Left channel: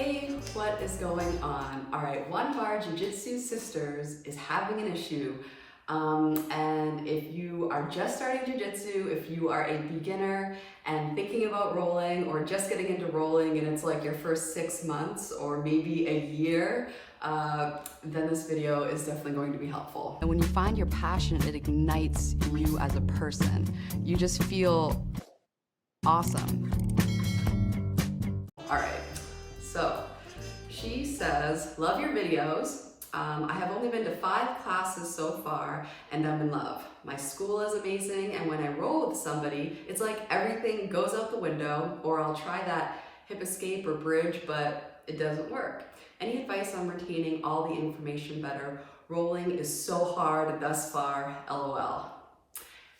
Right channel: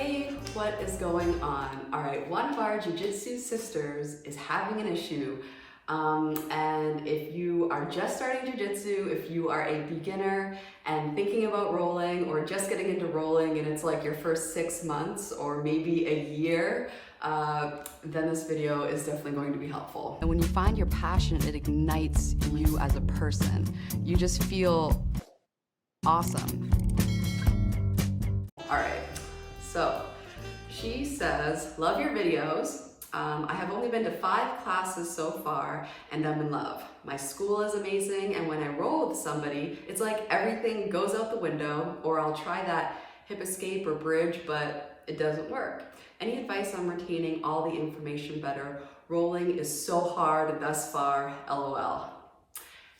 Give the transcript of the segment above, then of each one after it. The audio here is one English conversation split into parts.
Hey, what is going on? All right, one of our Jiu-Jitsu sisters is having an issue. And if you are just starting Jiu-Jitsu, if you are a beginner and thinking about rolling or just getting into rolling and it's like your first 6 months or maybe a year, then this video is definitely going to be helpful. And when you find your passion, it ignites you as a person. You just feel awesome. All right, so she says, love your videos. I have only been to 5 classes so far and I'm in love. My school is amazing, and when I roll with somebody, it's like everything goes out the window, or I'll try that hip escape or bridge, but it doesn't work. Any advice on retaining all the information better? Rolling is so hard thus far, LOL.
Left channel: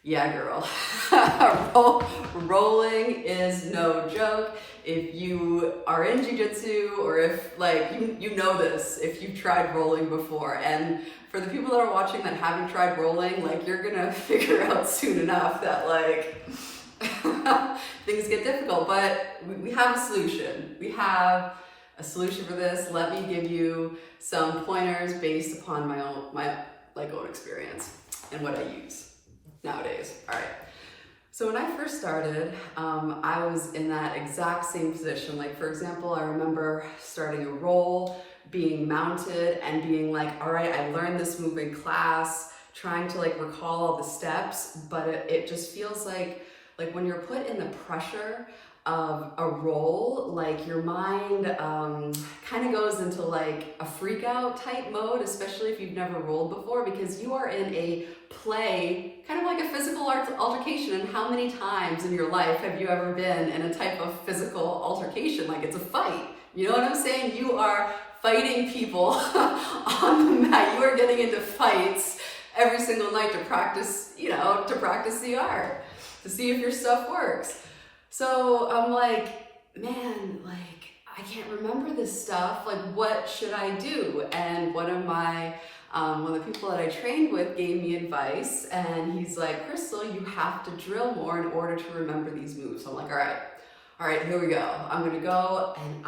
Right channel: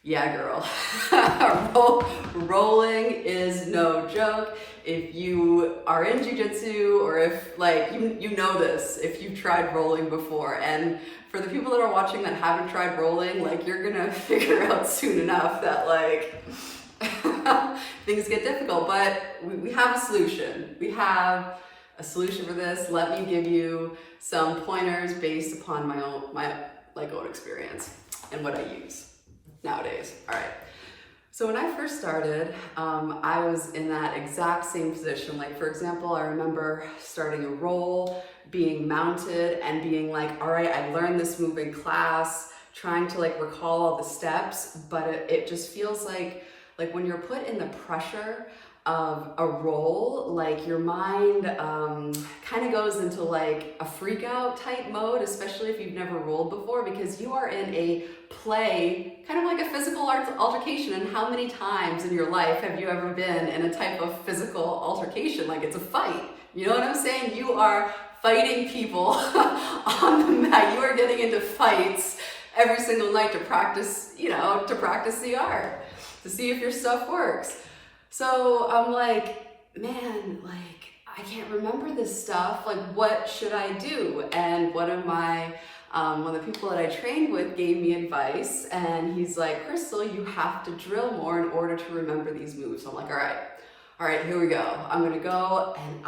Yeah, girl. Rolling is no joke. If you are in Jiu-Jitsu, or if like you know this, if you've tried rolling before, and for the people that are watching that haven't tried rolling, like you're gonna figure out soon enough that like things get difficult, but we have a solution. We have a solution for this. Let me give you some pointers based upon my own experience and what I use nowadays. All right. So when I first started, I was in that exact same position. Like, for example, I remember starting a roll, being mounted and being like, all right, I learned this move in class, trying to like recall all the steps, but it just feels like when you're put in the pressure of a roll, like your mind kind of goes into like a freak out type mode, especially if you've never rolled before, because you are in a play, kind of like a physical altercation. And how many times in your life have you ever been in a type of physical altercation? Like, it's a fight. You know what I'm saying? You are fighting people on the mat. You are getting into fights every single night to practice, to practice the art, to see if your stuff works. So I'm like, man, like, I can't remember this stuff. Like, what should I do? And one of the people that I trained with gave me advice, and he's like, Crystal, you have to drill more in order to remember these moves. So I'm like, all right, here we go. I'm gonna go. And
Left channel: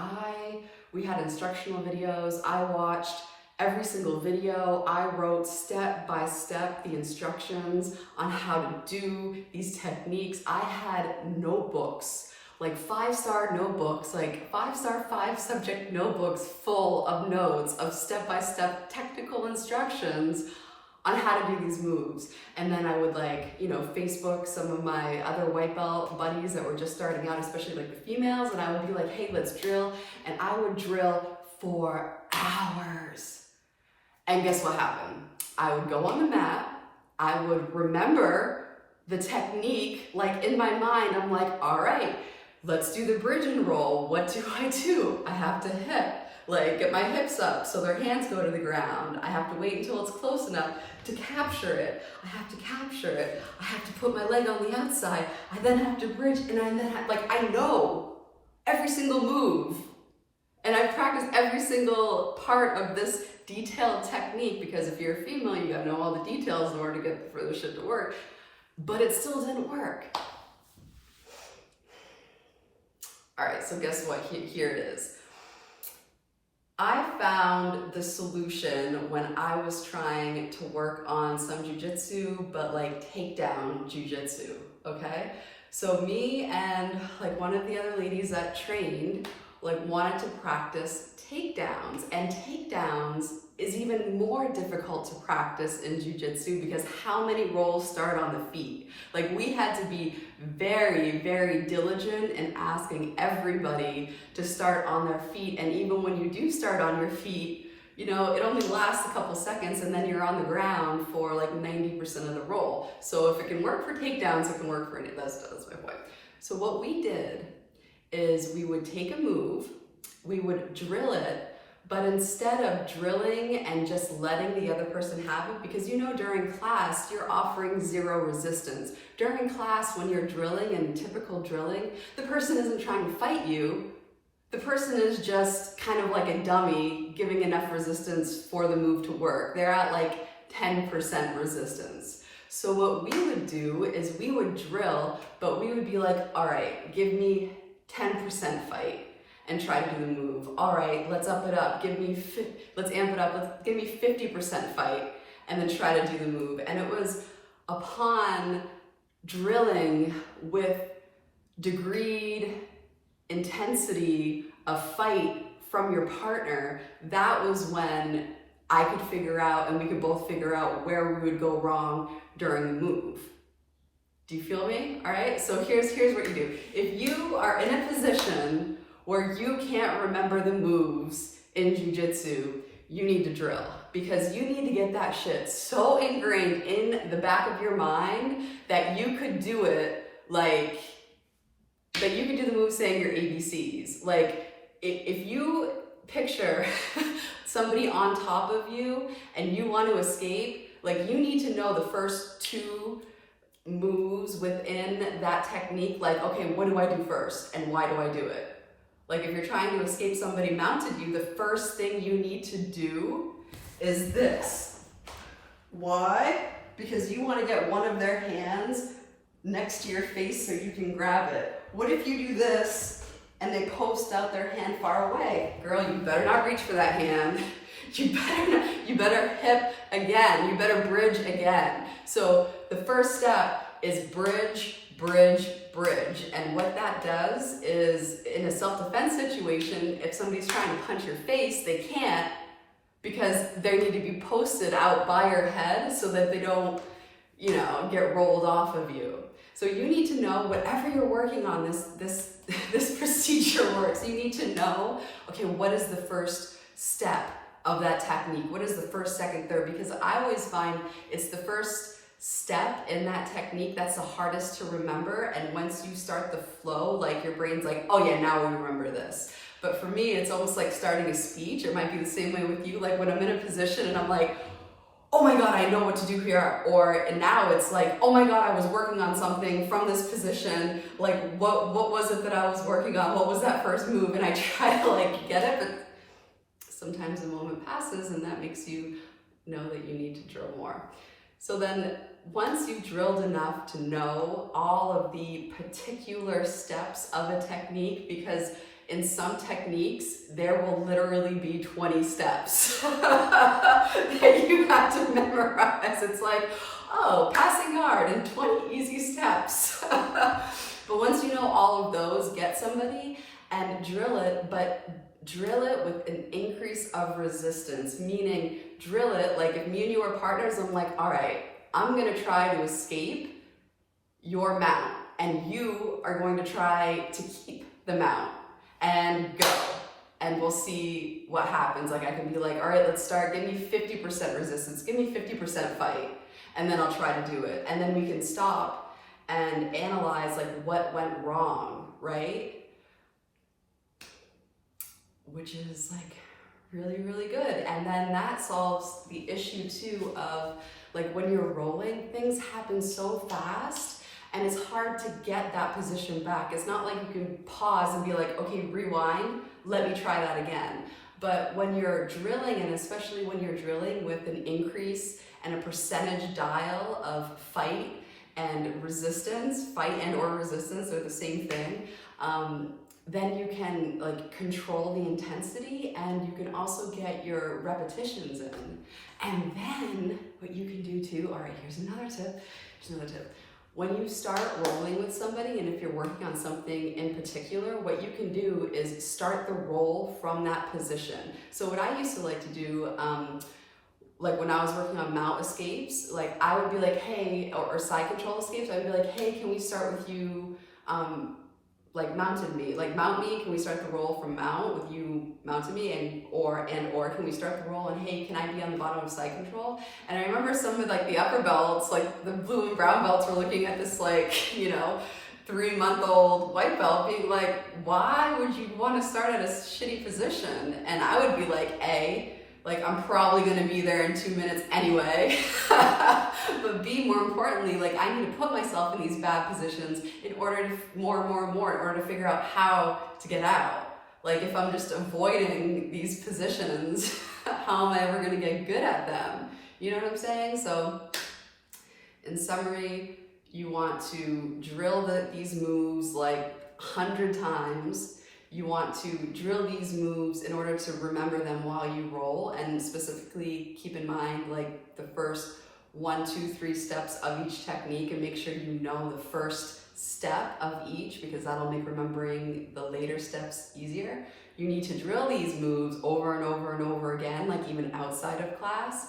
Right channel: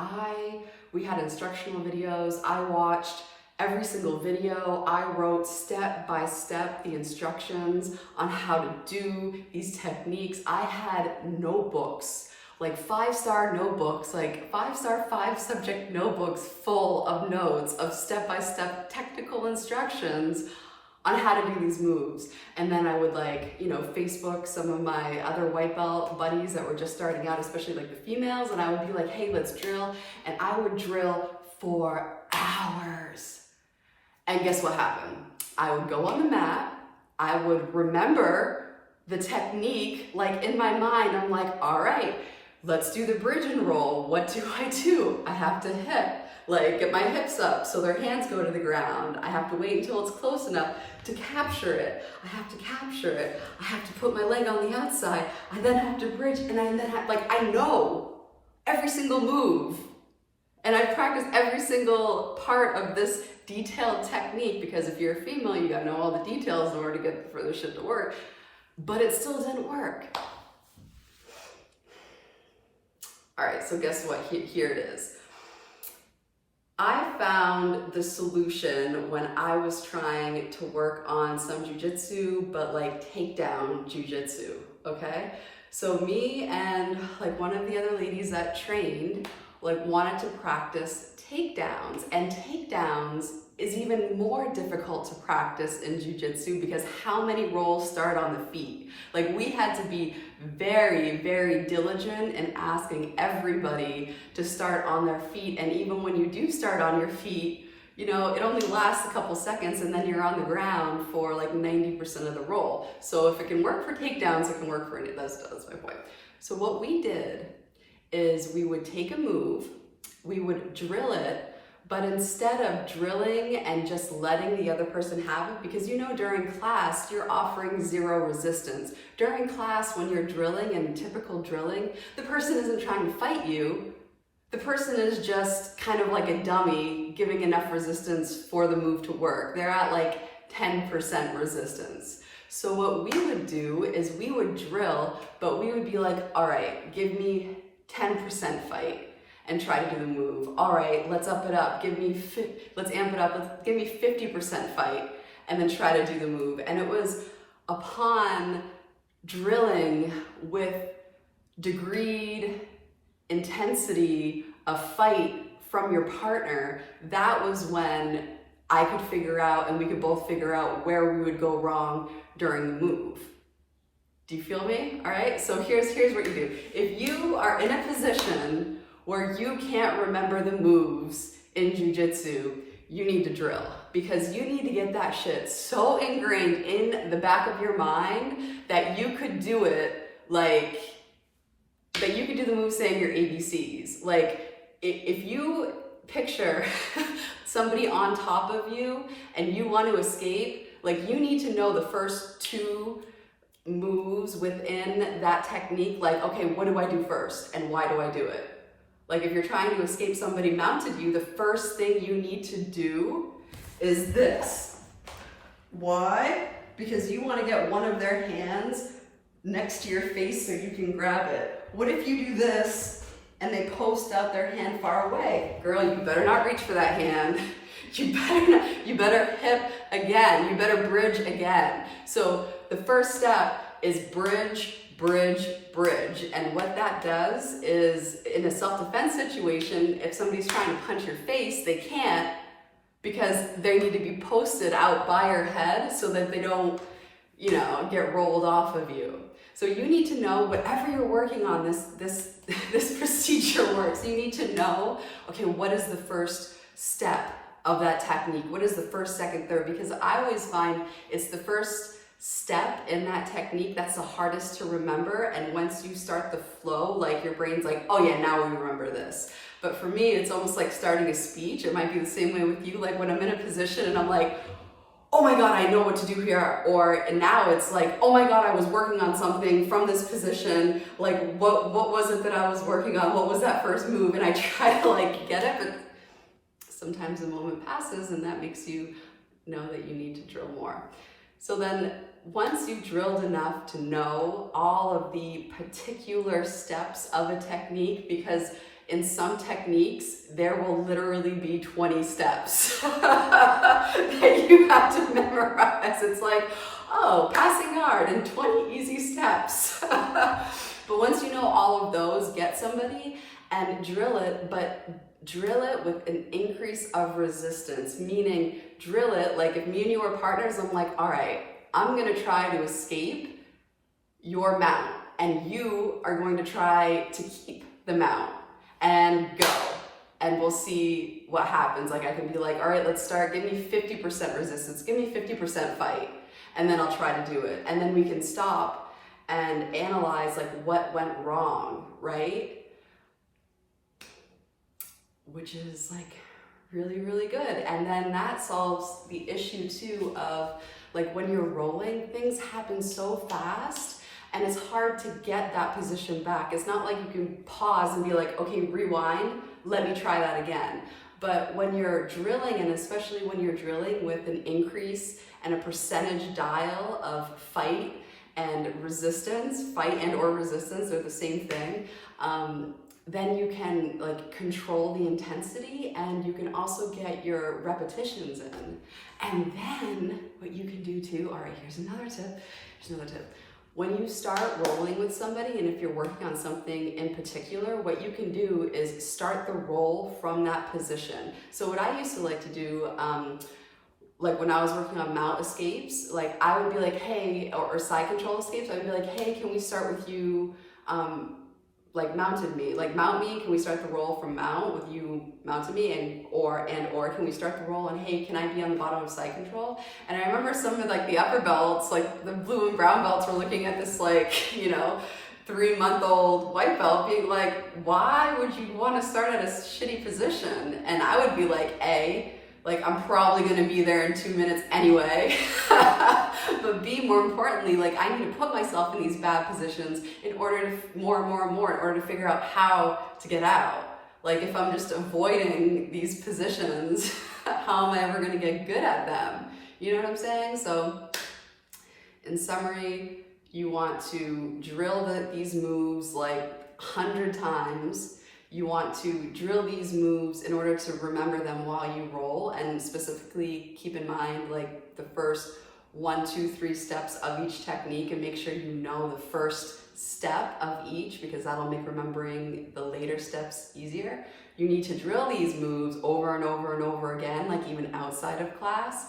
we had instructional videos. I watched every single video. I wrote step by step the instructions on how to do these techniques. I had notebooks, like 5-star notebooks, like 5-star 5-subject notebooks full of notes of step-by-step technical instructions on how to do these moves. And then I would Facebook some of my other white belt buddies that were just starting out, especially like the females, and I would be like, hey, let's drill. And I would drill for hours. And guess what happened? I would go on the mat, I would remember the technique, like in my mind, I'm like, all right, let's do the bridge and roll. What do? I have to get my hips up so their hands go to the ground. I have to wait until it's close enough to capture it. I have to capture it. I have to put my leg on the outside. I then have to bridge, and I know every single move. And I practice every single part of this detailed technique, because if you're a female, you gotta know all the details in order to get for the shit to work. But it still didn't work. All right, so guess what? Here it is. I found the solution when I was trying to work on some jiu-jitsu, but like takedown jiu-jitsu, okay? So me and like one of the other ladies that trained wanted to practice takedowns, and takedowns is even more difficult to practice in jiu-jitsu because how many rolls start on the feet? Like, we had to be very, very diligent in asking everybody to start on their feet. And even when you do start on your feet, it only lasts a couple seconds, and then you're on the ground for like 90% of the roll. So if it can work for takedowns, it can work for any, that's my point. So what we did is we would take a move, we would drill it, but instead of drilling and just letting the other person have it, because during class, you're offering 0 resistance. During class, when you're drilling and typical drilling, the person isn't trying to fight you. The person is just kind of like a dummy, giving enough resistance for the move to work. They're at like 10% resistance. So what we would do is we would drill, but we would be like, all right, give me 10% fight. and try to do the move. All right, let's up it up. Let's amp it up. Give me 50% fight, and then try to do the move. And it was upon drilling with degreed intensity of fight from your partner, that was when I could figure out, and we could both figure out where we would go wrong during the move. Do you feel me? All right, so here's what you do. If you are in a position where you can't remember the moves in jiu-jitsu, you need to drill, because you need to get that shit so ingrained in the back of your mind that you could do it, like, that you could do the move saying your ABCs. Like, if you picture somebody on top of you and you want to escape, like, you need to know the first two moves within that technique. Like, okay, what do I do first and why do I do it? Like, if you're trying to escape somebody mounted you, the first thing you need to do is this. Why? Because you want to get one of their hands next to your face so you can grab it. What if you do this and they post out their hand far away? Girl, you better not reach for that hand. You better hip again. You better bridge again. So the first step is bridge, bridge, bridge. And what that does is, in a self-defense situation, if somebody's trying to punch your face, they can't, because they need to be posted out by your head so that they don't, get rolled off of you. So you need to know, whatever you're working on, this procedure works. You need to know, okay, what is the first step of that technique? What is the first, second, third? Because I always find it's the first step in that technique that's the hardest to remember. And once you start the flow, like, your brain's like, oh yeah, now we remember this. But for me, it's almost like starting a speech. It might be the same way with you. Like, when I'm in a position and I'm like, oh my God, I know what to do here. And now it's like, oh my God, I was working on something from this position. Like, what was it that I was working on? What was that first move? And I try to, like, get it, but sometimes the moment passes and that makes you know that you need to drill more. So then, once you've drilled enough to know all of the particular steps of a technique, because in some techniques, there will literally be 20 steps that you have to memorize. It's like, oh, passing guard and 20 easy steps. But once you know all of those, get somebody and drill it, but drill it with an increase of resistance, meaning drill it like, if me and you are partners, I'm like, all right, I'm gonna try to escape your mount, and you are going to try to keep the mount, and go. And we'll see what happens. Like, I can be like, all right, let's start, give me 50% resistance, give me 50% fight, and then I'll try to do it. And then we can stop and analyze, like, what went wrong, right? Which is, like, really, really good. And then that solves the issue too of, like, when you're rolling, things happen so fast and it's hard to get that position back. It's not like you can pause and be like, okay, rewind, let me try that again. But when you're drilling, and especially when you're drilling with an increase and a percentage dial of fight and resistance, fight and or resistance, they're the same thing, then you can, like, control the intensity, and you can also get your repetitions in. And then what you can do too, all right, here's another tip. When you start rolling with somebody, and if you're working on something in particular, what you can do is start the roll from that position. So what I used to like to do, like when I was working on mount escapes, like I would be like, hey, or side control escapes, I would be like, hey, can we start with you, like mounted me, like mount me, can we start the roll from mount with you mounted me, and or can we start the roll and hey, can I be on the bottom of side control? And I remember some of, like, the upper belts, like the blue and brown belts, were looking at this, like, 3-month-old white belt being like, why would you want to start at a shitty position? And I would be like, like, I'm probably gonna be there in 2 minutes anyway. But B, more importantly, like, I need to put myself in these bad positions in order to, more in order to figure out how to get out. Like, if I'm just avoiding these positions, how am I ever gonna get good at them? You know what I'm saying? So, in summary, you want to drill these moves like 100 times. You want to drill these moves in order to remember them while you roll, and specifically keep in mind like the first 1, 2, 3 steps of each technique, and make sure you know the first step of each, because that'll make remembering the later steps easier. You need to drill these moves over and over and over again, like even outside of class.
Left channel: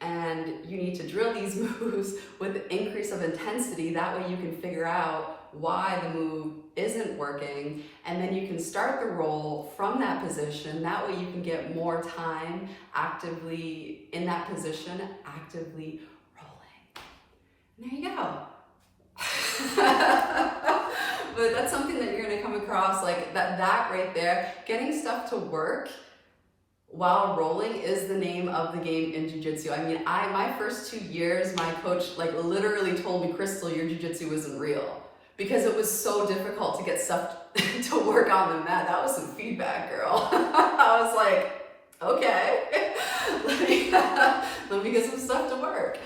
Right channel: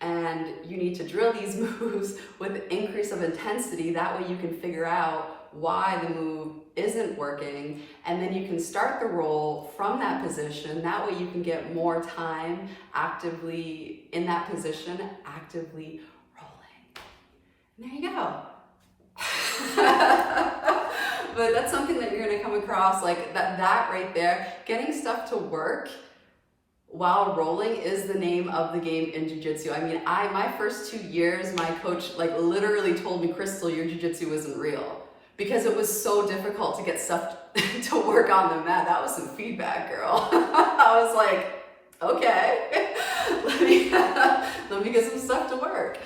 And you need to drill these moves with an increase of intensity. That way you can figure out why the move isn't working. And then you can start the roll from that position. That way you can get more time actively in that position, actively rolling. And there you go. But that's something that you're gonna come across, like that right there. Getting stuff to work while rolling is the name of the game in Jiu-Jitsu. I mean, my first 2 years, my coach like literally told me, Crystal, your Jiu-Jitsu isn't real. Because it was so difficult to get stuff to work on the mat. That was some feedback, girl. I was like, okay, let me get some stuff to work.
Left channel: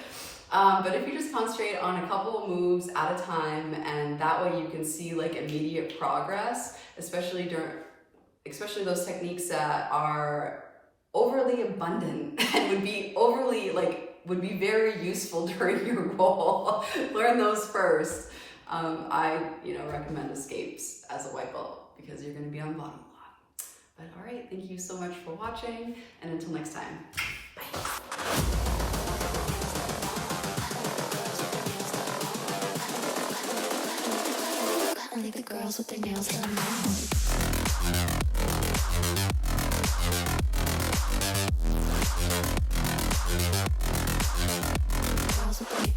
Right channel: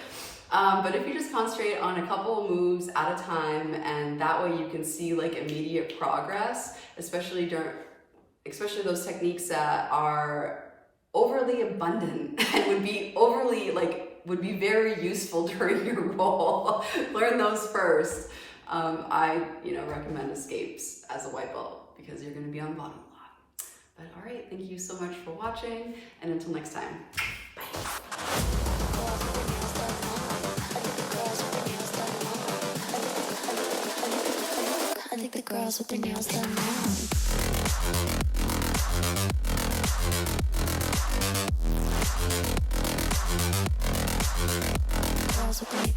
But if you just concentrate on a couple of moves at a time, and that way you can see like immediate progress, especially those techniques that are overly abundant and would be very useful during your roll. Learn those first. I recommend escapes as a white belt because you're going to be on the bottom a lot. But all right, thank you so much for watching, and until next time, bye. I think the girls with their nails done now. Girls with their